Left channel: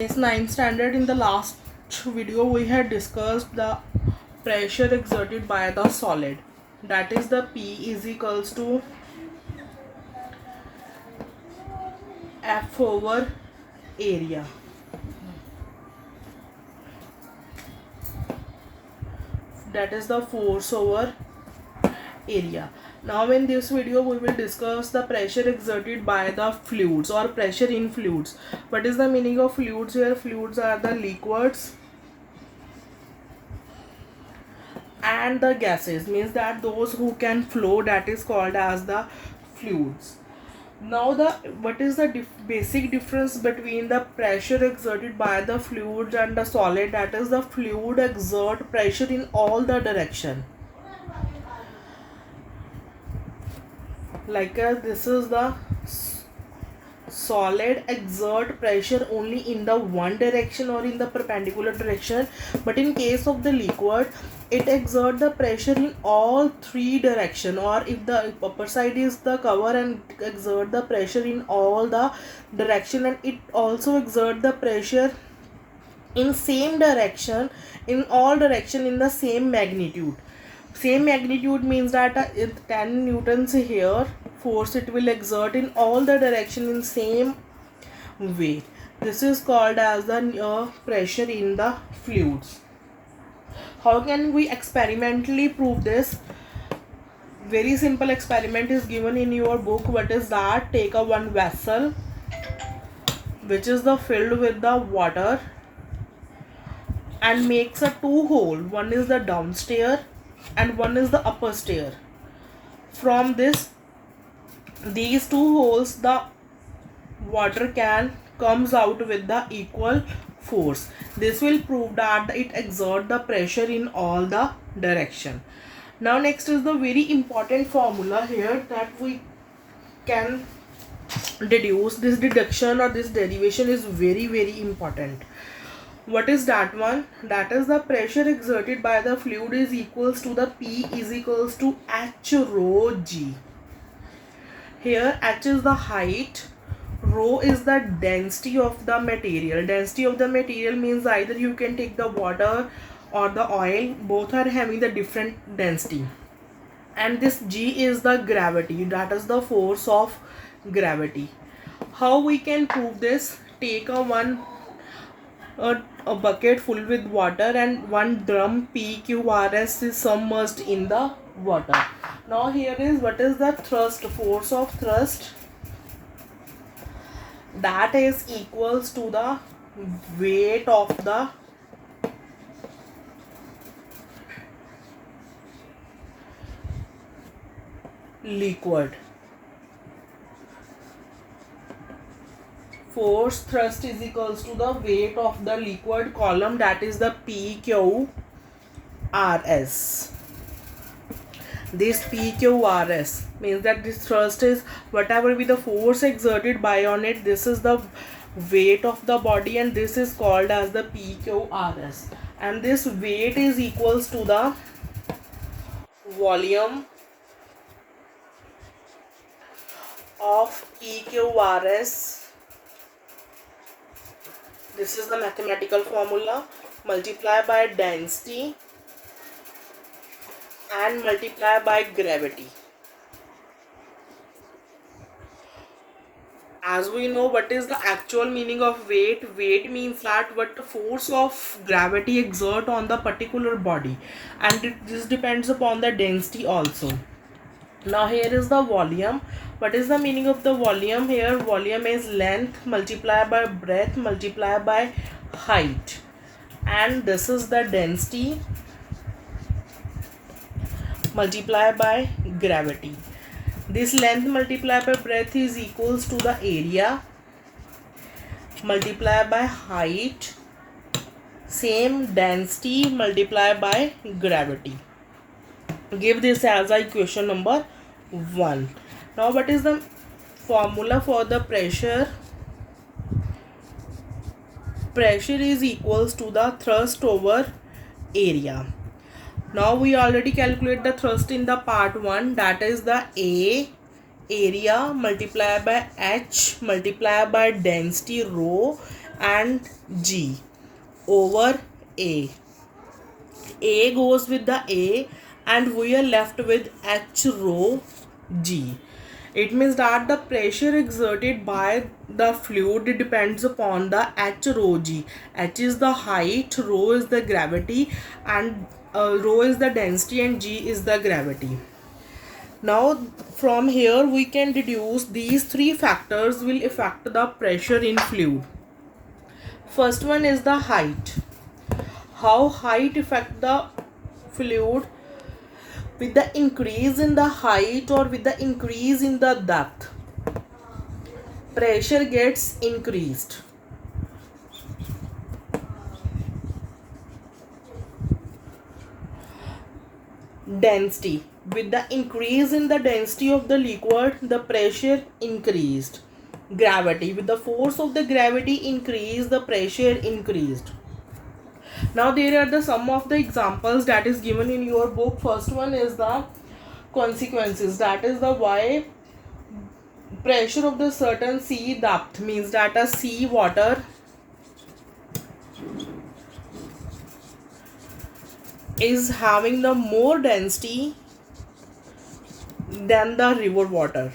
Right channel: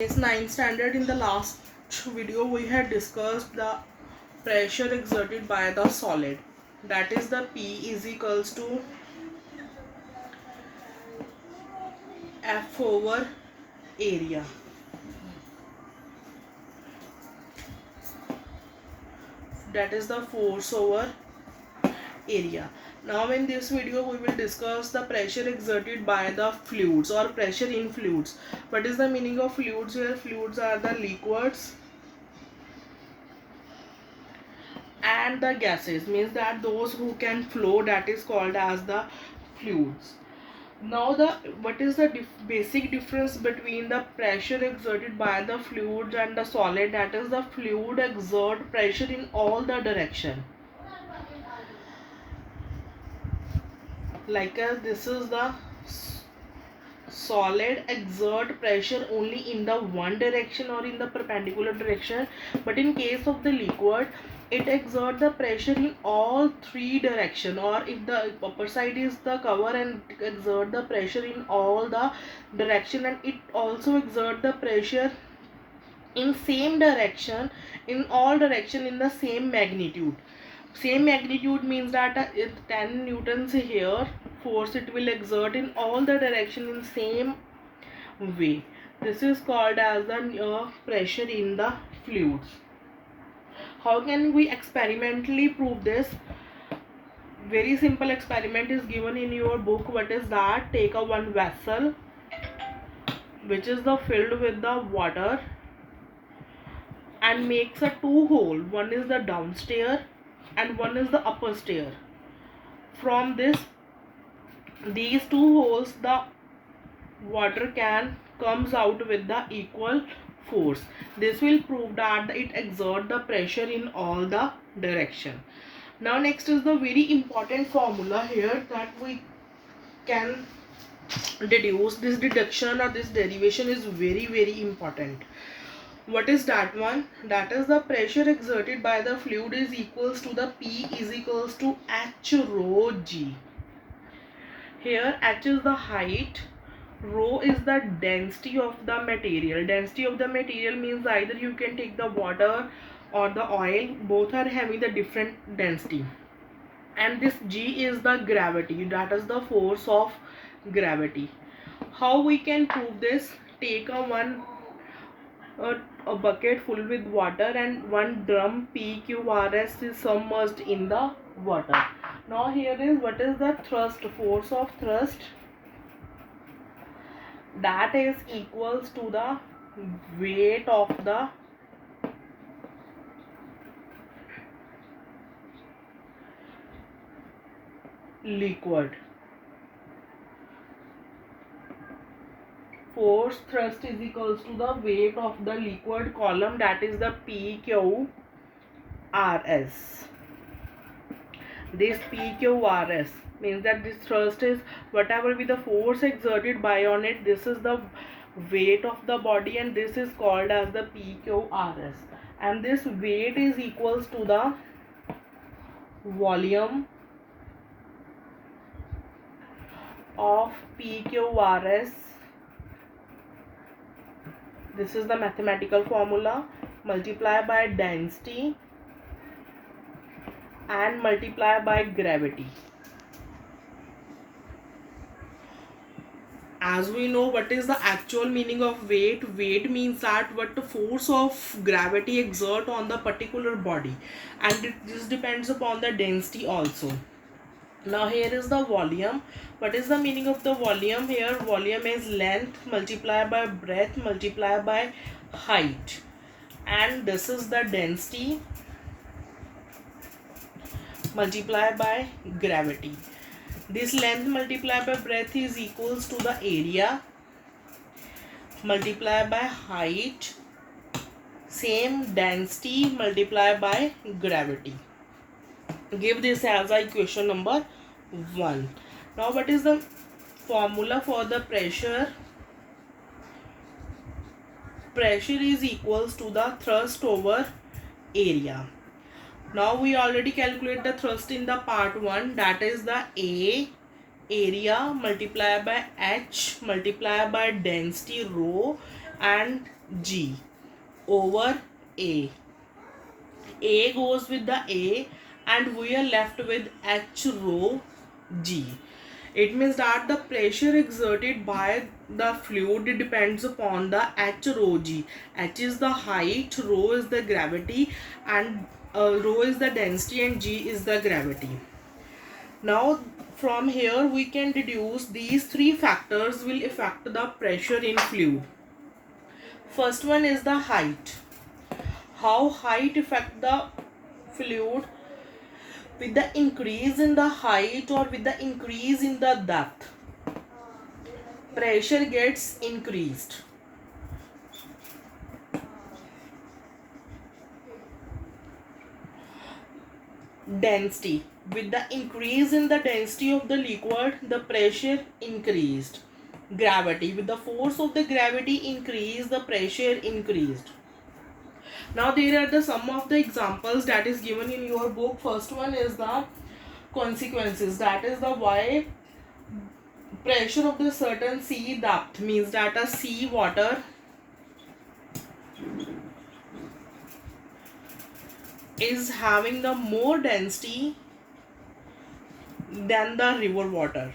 It's ninth standard. In the last video we had discussed the pressure exerted by the solid, that is the P is equals to F over area. That is the force over area. Now in this video we will discuss the pressure exerted by the fluids or pressure in fluids. What is the meaning of fluids here? Fluids are the liquids and the gases, means that those who can flow, that is called as the fluids. Now what is the basic difference between the pressure exerted by the fluid and the solid? That is, the fluid exert pressure in all the direction, like this is the solid exert pressure only in the one direction or in the perpendicular direction, but in case of the liquid it exert the pressure in all three direction, or if the upper side is the cover and exert the pressure in all the direction, and it also exert the pressure in same direction, in all direction, in the same magnitude. Same magnitude means that if 10 newtons here force, it will exert in all the direction in same way. This is called as the pressure in the fluids. How can we experimentally prove this? Very simple experiment is given in your book. What is that? Take a one vessel which is the filled with the water and makes a two hole. One is the downstairs and one is the upper stair. From these two holes, the water can comes out with the equal force. This will prove that it exert the pressure in all the direction. Now next is the very important formula here that we can deduce. This deduction or this derivation is very important. What is that one? That is, the pressure exerted by the fluid is equals to the P is equals to H rho G. Here H is the height, rho is the density of the material. Density of the material means either you can take the water or the oil, both are having the different density. And this G is the gravity, that is the force of gravity. How we can prove this? Take a bucket full with water and one drum PQRS is submerged in the water. Now here is what is the thrust, force of thrust, that is equals to the weight of the liquid. Force thrust is equals to the weight of the liquid column, that is the PQRS. This PQRS means that this thrust is whatever be the force exerted by on it, this is the weight of the body, and this is called as the PQRS. And this weight is equals to the volume of PQRS. This is the mathematical formula, multiply by density and multiply by gravity. As we know, what is the actual meaning of weight? Weight means that what the force of gravity exert on the particular body, and this depends upon the density also. Now here is the volume. What is the meaning of the volume here? Volume is length multiplied by breadth multiplied by height, and this is the density multiplied by gravity. This length multiplied by breadth is equals to the area multiplied by height, same density multiplied by gravity. Give this as equation number 1. Now what is the formula for the pressure? Pressure is equals to the thrust over area. Now we already calculate the thrust in the part 1, that is the A area multiplied by H multiplied by density rho and G over A. A goes with the A and we are left with H rho G. It means that the pressure exerted by the fluid depends upon the H rho G. H is the height, rho is the gravity, and rho is the density, and G is the gravity. Now from here we can deduce these three factors will affect the pressure in fluid. First one is the height. How height affect the fluid? With the increase in the height or with the increase in the depth, pressure gets increased. Density. With the increase in the density of the liquid, the pressure increased. Gravity. With the force of the gravity increased, the pressure increased. Now there are the some of the examples that is given in your book. First one is the consequences, that is the why pressure of the certain sea depth, means that a sea water is having the more density than the river water.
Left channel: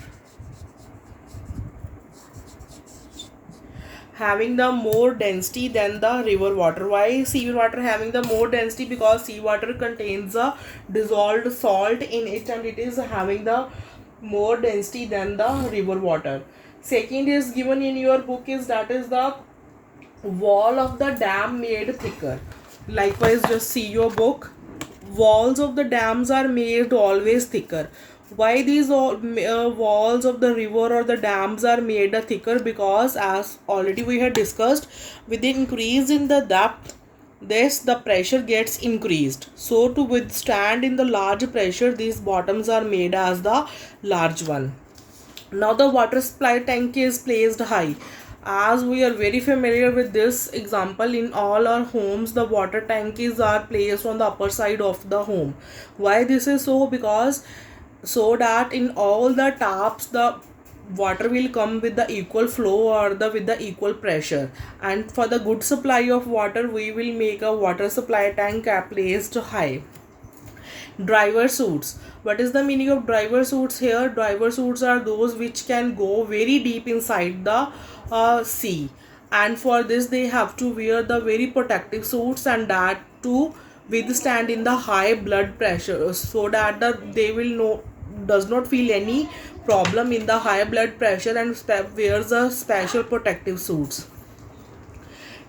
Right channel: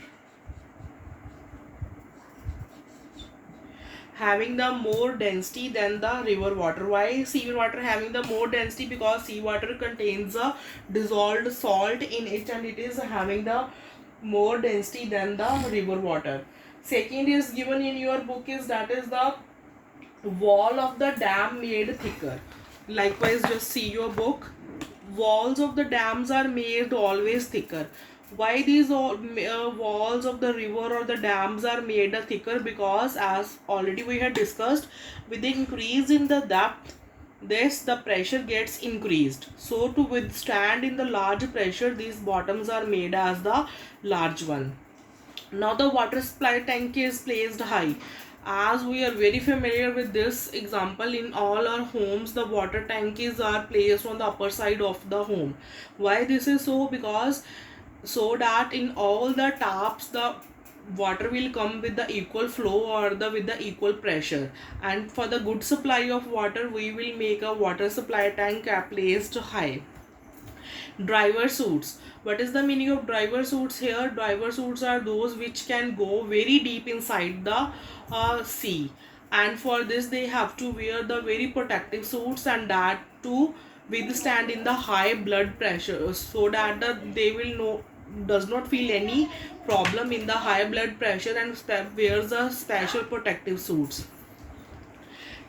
Having the more density than the river water. Why sea water having the more density? Because sea water contains a dissolved salt in it and it is having the more density than the river water. Second is given in your book is that is the wall of the dam made thicker. Likewise, just see your book. Walls of the dams are made always thicker. Why these walls of the river or the dams are made thicker? Because as already we had discussed, with the increase in the depth, the pressure gets increased. So to withstand in the large pressure, these bottoms are made as the large one. Now the water supply tank is placed high. As we are very familiar with this example, in all our homes the water tanks are placed on the upper side of the home. Why this is so? Because so that in all the taps the water will come with the equal flow or with the equal pressure, and for the good supply of water we will make a water supply tank placed high. Driver suits. What is the meaning of driver suits here? Driver suits are those which can go very deep inside the sea, and for this they have to wear the very protective suits, and that to withstand in the high blood pressure, so that they will does not feel any problem in the high blood pressure and wears a special protective suits.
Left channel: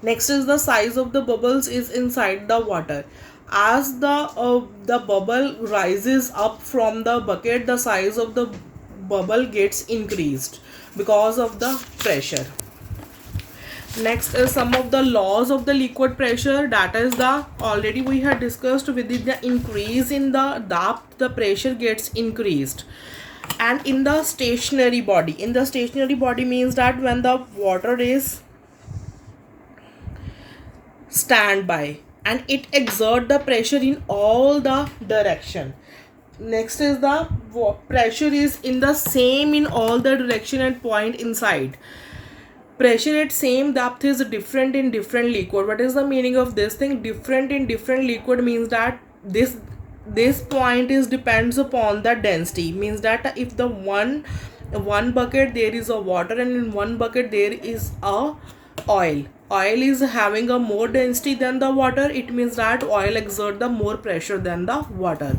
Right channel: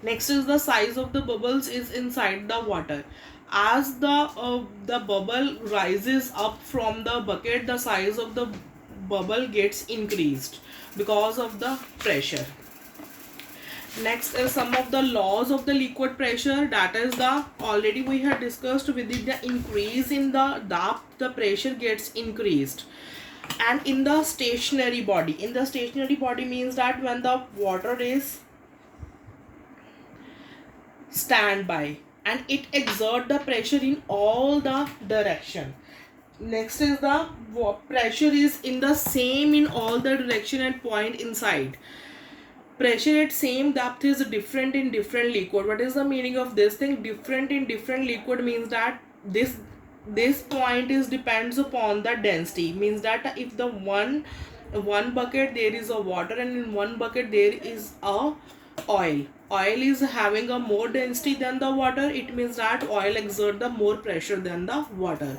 Next is the size of the bubbles is inside the water. As the bubble rises up from the bucket, the size of the bubble gets increased because of the pressure. Next is some of the laws of the liquid pressure, that is the already we had discussed. With the increase in the depth, the pressure gets increased. And in the stationary body, means that when the water is standby and it exert the pressure in all the direction. Next is the pressure is in the same in all the direction and point inside. Pressure at same depth is different in different liquid. What is the meaning of this thing? Different in different liquid means that this point is depends upon the density, means that if the one bucket there is a water and in one bucket there is a oil is having a more density than the water, it means that oil exert the more pressure than the water.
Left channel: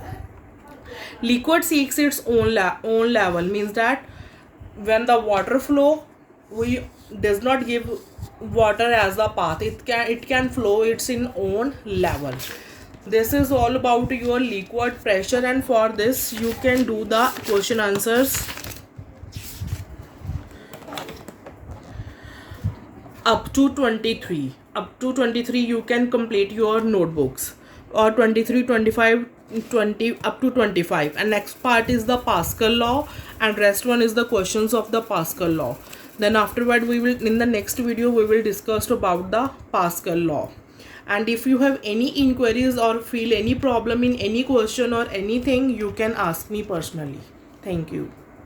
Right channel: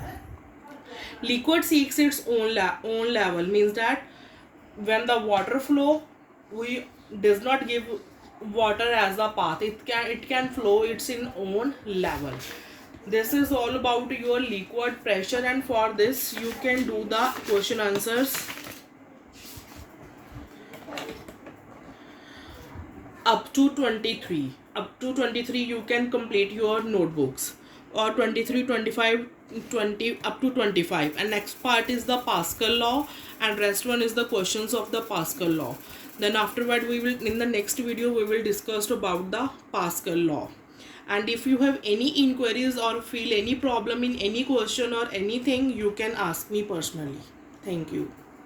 Liquid seeks its own level, means that when the water flow, we does not give water as the path, it can flow its in own level. This is all about your liquid pressure, and for this you can do the question answers up to 23 you can complete your notebooks, or 23, 25, 20 up to 25. And next part is the Pascal law, and rest one is the questions of the Pascal law. Then afterward we will, in the next video we will discuss about the Pascal law. And if you have any inquiries or feel any problem in any question or anything, you can ask me personally. Thank you.